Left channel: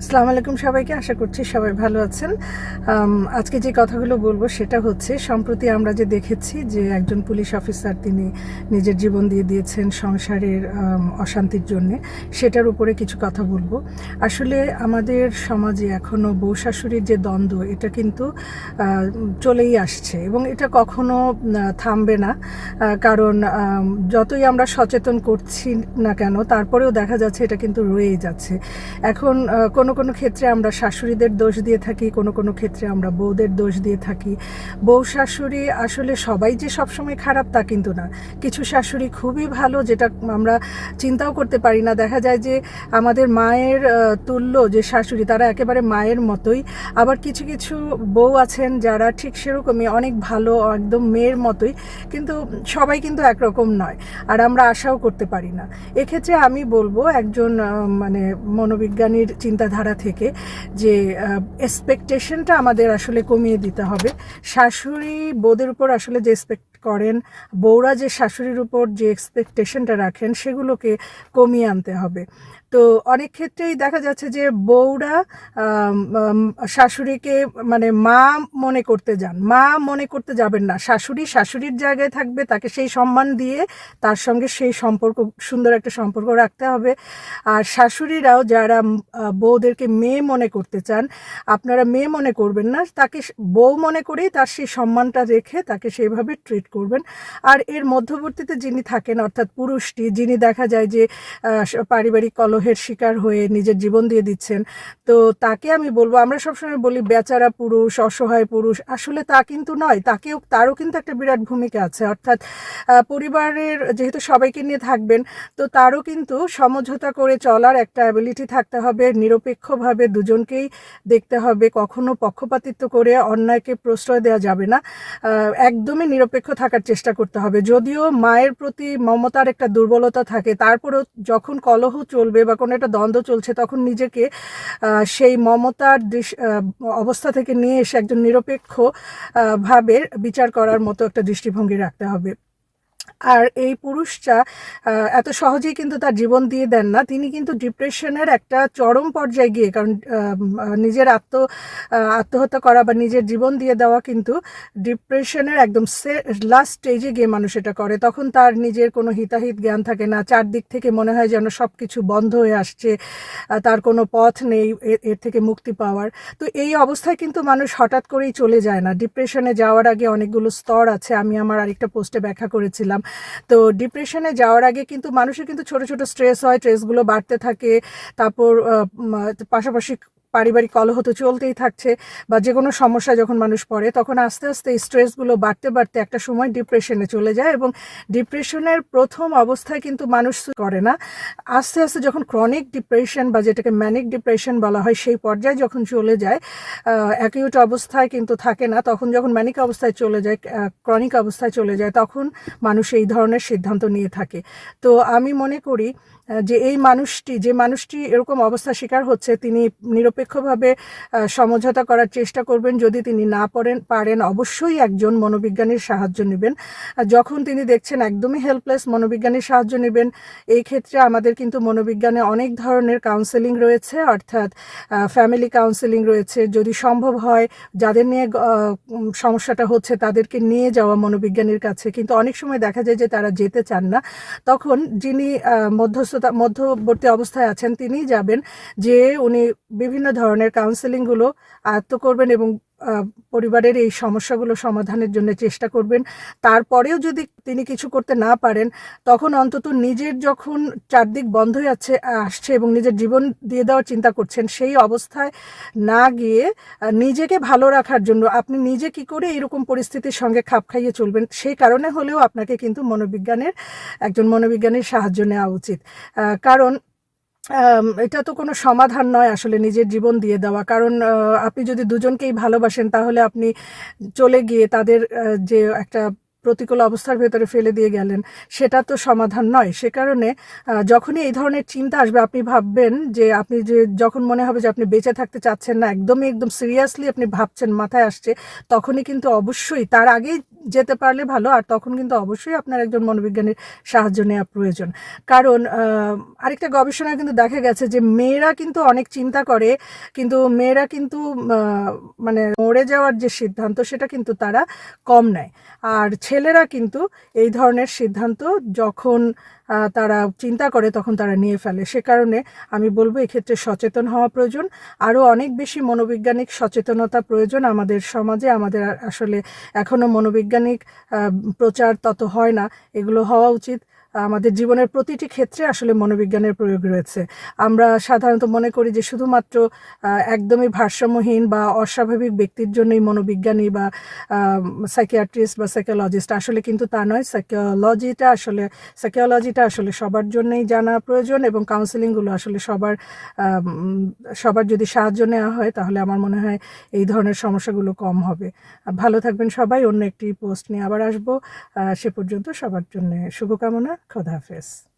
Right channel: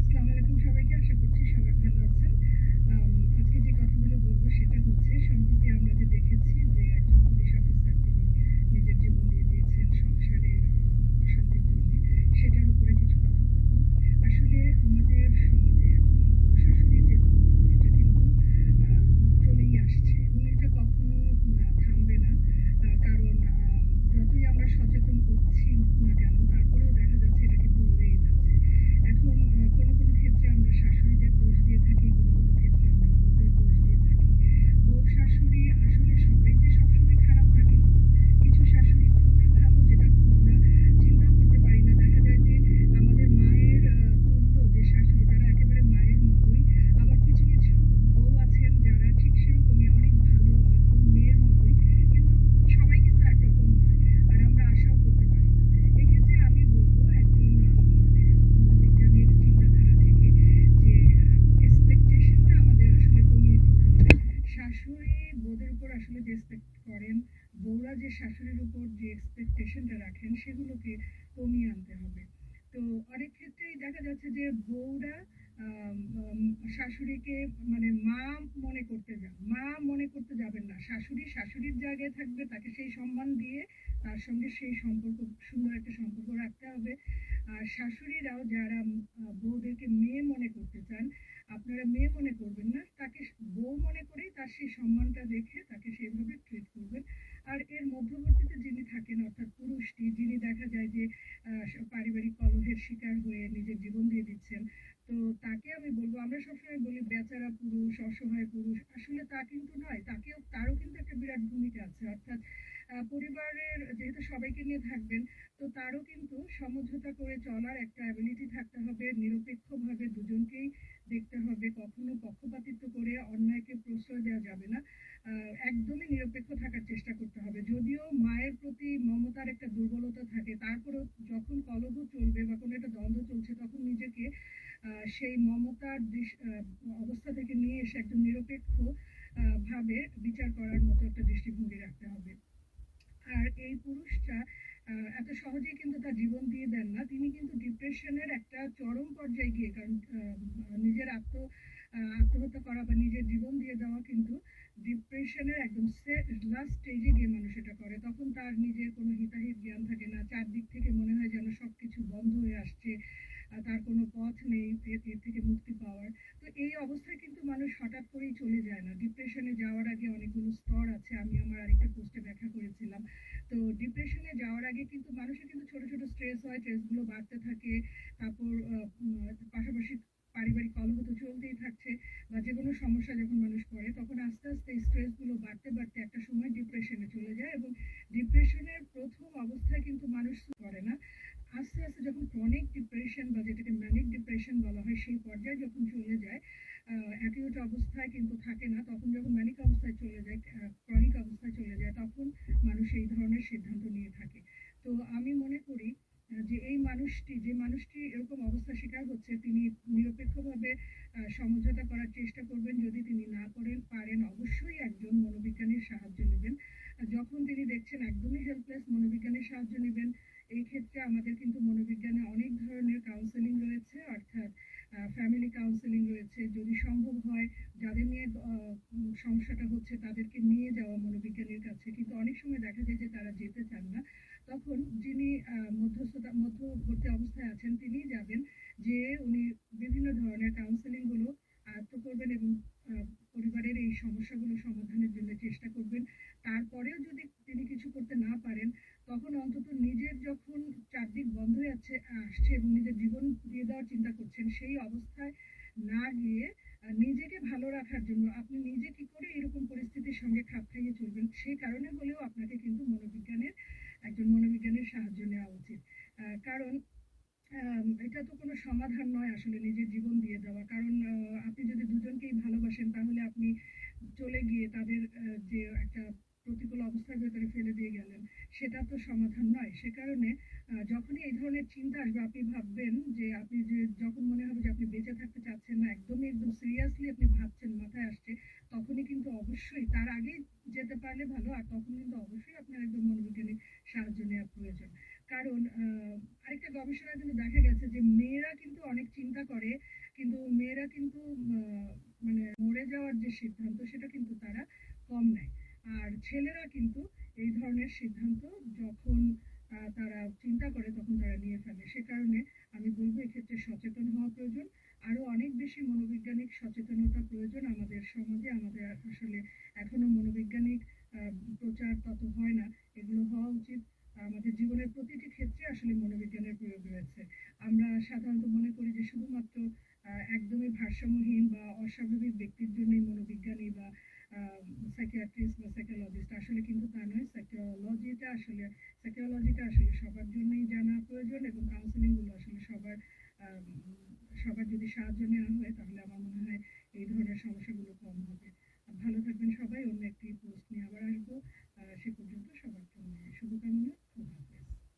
আসসালামু আলাইকুম সবাইকে। আশা করছি সবাই ভালো আছেন। আজকে যে কথাগুলো বলবো সেটা হচ্ছে, সম্প্রতি আমরা যে দেখেছি যে একজন পুলিশ অফিসার তিনি নিজের জীবন দিয়ে দিয়েছেন সংসারের অশান্তির জন্যে, সেটার উপরে কিছু কথা বলবো। আসলে আমাদের সমাজে এখনও বউ শাশুড়ির যে দ্বন্দ্ব, এটা কিন্তু চলেই আসছে এবং এটা কখনো থামবে না। কারণ যতই আমরা সচেতন করছি না কেন, তারপরেও দেখা যাচ্ছে এটা কিন্তু রয়েই যাচ্ছে। এখন কোনো কোনো ক্ষেত্রে আমরা শাশুড়িদের দোষ দিয়ে থাকি, কোনো কোনো ক্ষেত্রে আমরা বউদের দোষ দিয়ে থাকি। বউ শাশুড়ি আসলে সবাই যে সবসময় খারাপ তা কিন্তু না। কিছু শাশুড়ি খুবই ভালো, যেটা আমরা চিন্তাও করতে পারি না। দেখা যায় যে আমাদের মায়ের তুল্য যে শাশুড়ি, তারা একেবারে মায়ের মতোই। আবার কিছু কিছু বউ আছেন যারা ঠিক সেরকমই অনেক ভালো, একদম মেয়ের মতোই, কিন্তু সবাই কিন্তু একরকম নয়, আর আমরা আশাও করতে পারি না। এক্ষেত্রে আমি বলবো একজন মানে মনোবিজ্ঞানীর চিন্তাধারা থেকে যে এক্সপেকটেশনটা আমাদের আসলে কমিয়ে দিতে হবে। শাশুড়ি বউদের উপর আসলে যে এক্সপেক্ট করেন, বউরা যে শাশুড়ির উপর যে এক্সপেকটেশনটা রাখেন, সেগুলোকে কমিয়ে আনতে হবে। তো অনেক ক্ষেত্রেই দেখা যাচ্ছে যে বউরা শাশুড়িকে মানে মা মনে করতে যান। মা মনে করতে যাবেন না, শাশুড়ি শাশুড়ির জায়গায় থাকবে, তাকে সেই সম্মান দিয়ে তার সঙ্গে সেই সম্পর্ক, সুন্দর একটা সম্পর্ক রাখতে হবে। আর শাশুড়িরাও যারা বউদেরকে মেয়ে মনে করতে চান, আপনারা মেয়ে মনে করবেন না, তাকে বউ মনে করেই তার সেই সম্মানটা রেখে তাকে সেইভাবে ট্রিট করবেন। আর এর মধ্যবর্তীতে যিনি থাকেন, অর্থাৎ পুরুষটি, যিনি দেখা যায় যে পারিবারিক কলহের শিকার হয়ে নিজের জীবন দিয়ে দিচ্ছেন, তো তাকে আমি বলবো, আমরা সবসময় বলি বেচারা পুরুষ, অসহায় পুরুষ, আসলে তা কিন্তু নয়। তারও কিন্তু একটা বিরাট ভূমিকা আছে। অর্থাৎ পরিবারের যেহেতু সবাইকে নিয়ে থাকবেন, তো তারও কিন্তু সমঝোতা করে চলার একটা অ্যাবিলিটি থাকতে হবে। নিরপেক্ষভাবে দুজনকেই দেখতে হবে, কখনো পক্ষপাতিত্ব করে অন্যায়কে প্রশ্রয় দেওয়া যাবে না। একদমই নিরপেক্ষ থাকার চেষ্টা করতে হবে। যদিও মায়ের প্রতি মমতার একটা দুর্বলতা থাকে, তারপরেও যখন কলহ চলবে বা কোনো একটা দ্বন্দ্ব চলছে, তখন নিজেকে সেই মমতার অবস্থা থেকে নিয়ে এসে একজন নিরপেক্ষ ভাবে বিচার করার মতো একটা দৃষ্টিভঙ্গি রাখতে হবে। আর এই পুরুষটা এত সহজেই কিন্তু তার জীবন দিয়ে দেন না। তিনি কিন্তু ডিপ্রেশনের একটা চরম পর্যায়ে গিয়ে, কারণ নিজের আত্মহত্যা করা বা নিজের জীবন দিয়ে দেওয়া কিন্তু ডিপ্রেশনের একদম লাস্ট স্টেজে গিয়ে মানুষ এটা করে। তখন তার নিজের কোনো হিতাহিত জ্ঞান থাকে না, চারদিক থেকে মনে হয় যেন সব কিছু বন্ধ হয়ে আসছে, তার কোনো পথ নেই এর থেকে মুক্তি পাওয়ার। তো এই অবস্থায় কিন্তু মানুষ হঠাৎ করেই চলে যায় না। ডিপ্রেশনে যাওয়ার আগে অনেকগুলো স্তর আছে, আমি আমার আরেকটা পোস্টে ব্যাখ্যা করেছিলাম। তো ডিপ্রেশনে যাওয়ার আগে কিন্তু মানুষের কিন্তু ছোট ছোট স্ট্রেস হয়, স্ট্রেসগুলো বাড়তে থাকে। তারপর পাশাপাশি পারিবারিক কলহ তো চলতেই থাকছে, বা যে কোনো সমস্যা যখন মানুষ পড়ে, তখন আস্তে আস্তে এই স্ট্রেসগুলো বাড়তে বাড়তে একটা সময় ডিপ্রেশনে চলে যায়। এবং ডিপ্রেশনের প্রথম অবস্থায় কিন্তু মানুষ করে না। আস্তে আস্তে যখন ক্রনিক ডিপ্রেশন বা যেটাকে ম্যানিক ডিপ্রেশন বলা হয়, সেই পর্যায়ে যখন চলে যায়, অ্যাকিউট অবস্থায় কিন্তু থাকে না, তখন যখন ম্যানিক অবস্থায় চলে যায়, ক্রনিক অবস্থায় চলে যায়, তখন মানুষ এই ধরনের সিদ্ধান্ত নিয়ে থাকে। তো আমি মনে করি যে যে মানুষটি এরকম অবস্থা শিকার হচ্ছে, তিনি নিরপেক্ষভাবে সমঝোতা করার চেষ্টা করবেন। যদি তিনি না পারেন, অবশ্যই একজন মনোবিজ্ঞানীর সাহায্য নেবেন। যখন তিনি দেখছেন একদমই হেল্পলেস, মনোবিজ্ঞানীর সাহায্য নেবেন। এই ক্ষেত্রে আমাদের কিন্তু মনোবিজ্ঞানে অনেক ধরনের কাউন্সেলিং রয়েছে, অর্থাৎ ফ্যামিলি কাউন্সেলিং রয়েছে। যদি সম্ভব হয়, যাদের নিয়ে সমস্যাটা হচ্ছে, তাদেরকে নিয়ে যাওয়া মনোবিজ্ঞানীর কাছে। কিন্তু অনেক সময় দেখা যায় যে তারা যেতে চান না, তখন যিনি মধ্যবর্তী অবস্থায় আছেন, তিনিই যাবেন, যে উনি বিভিন্ন ধরনের কাউন্সেলিংগুলো আয়ত্ত করবেন এবং পরিবারের এই সমস্যাগুলো সমাধানের জন্য চেষ্টা করবেন। তারপরেও যদি তিনি কিছু করতে না পারেন, তখন অন্তত নিজের যখন চারদিক বন্ধ হয়ে আসছে এবং নিজের জীবন দিয়ে দেওয়ার চিন্তা করছেন, সেই অবস্থায় না গিয়ে নিজেকে ভালো রাখার জন্য আপনি নিজে কি করে এরকম পরিস্থিতির সঙ্গে খাপ খাইয়ে চলবেন, সেই কারণে হলেও আপনাকে কিন্তু একজন মনোবিজ্ঞানীর সাহায্য নেওয়া উচিত। কারণ এটা তো কোনো সমাধান নয় আসলে নিজের জীবন দিয়ে দেওয়া। কারণ আপনি যদি দুজনকেই ভালোবাসেন, তাহলে আপনি চলে গিয়ে তাদের যে একটা প্রতিকূল অবস্থার ভেতরে ফেলে দিয়ে গেলেন, সেটা তো সমাধান নয়। সে কারণে যখনই এই ধরনের চিন্তা আসবে, আপনি ভাববেন যে যখন মনে হবে যে আপনি বেঁচে থাকতে চাচ্ছেন না, একদম সিরিয়াসলি আপনি ভাবছেন, মাথায় আসছে, তখনই কিন্তু অবশ্যই, তার আগেই যেতে পারলে ভালো। আর তখন কিন্তু অবশ্যই আপনার একজন মনোবিজ্ঞানীর সাহায্য নেওয়া প্রয়োজন। কারণ আরেকটা গবেষণায় কিন্তু দেখা গেছে যে মেয়েরা কিন্তু অনেক চিন্তা করে, কিন্তু মেয়েরা কিন্তু মানে মরে যাওয়ার যে সিদ্ধান্ত সেটা কিন্তু তারা কম নেয়। আর ছেলেরা কিন্তু এই ধরনের সিদ্ধান্ত যখন তারা চিন্তা করে তখন তারা নিয়ে ফেলে। সে কারণে আমি বলবো এক্ষেত্রে সচেতন হওয়া প্রয়োজন। আরও অনেক বেশি মনোবৈজ্ঞানিক সচেতনতা প্রয়োজন আমাদের সমাজে। আমাদের আসলে এখনও মনোবৈজ্ঞানিক প্রচার তত হয় না, এগুলো হওয়া উচিত। আমাদের জীবনের প্রতিটি ক্ষেত্রে আসলে মনোবিজ্ঞানের প্রয়োগ রয়েছে। আমরা সাধারণত মনে করি যে শুধুমাত্র একদমই ভারসাম্যহীন বা অস্বাভাবিক ব্যক্তির জন্যই মনোবিজ্ঞানী বা সাইকিয়াট্রিস্ট বা সাইকোলজিস্ট, আসলে কিন্তু তা নয়। সাইকোলজিটা আসলে সবার জন্যই জানা প্রয়োজন, এবং কাউন্সেলিংগুলো আসলে সবার যদি সাহায্য নেওয়া হয় তাহলে আমার মনে হয় এই ধরনের সমস্যাগুলো কম হবে। ভালো থাকবেন সবাই। অন্য একটি পোস্ট নিয়ে আবার আসবো। সে পর্যন্ত সবার জন্য শুভকামনা। খোদা হাফেজ।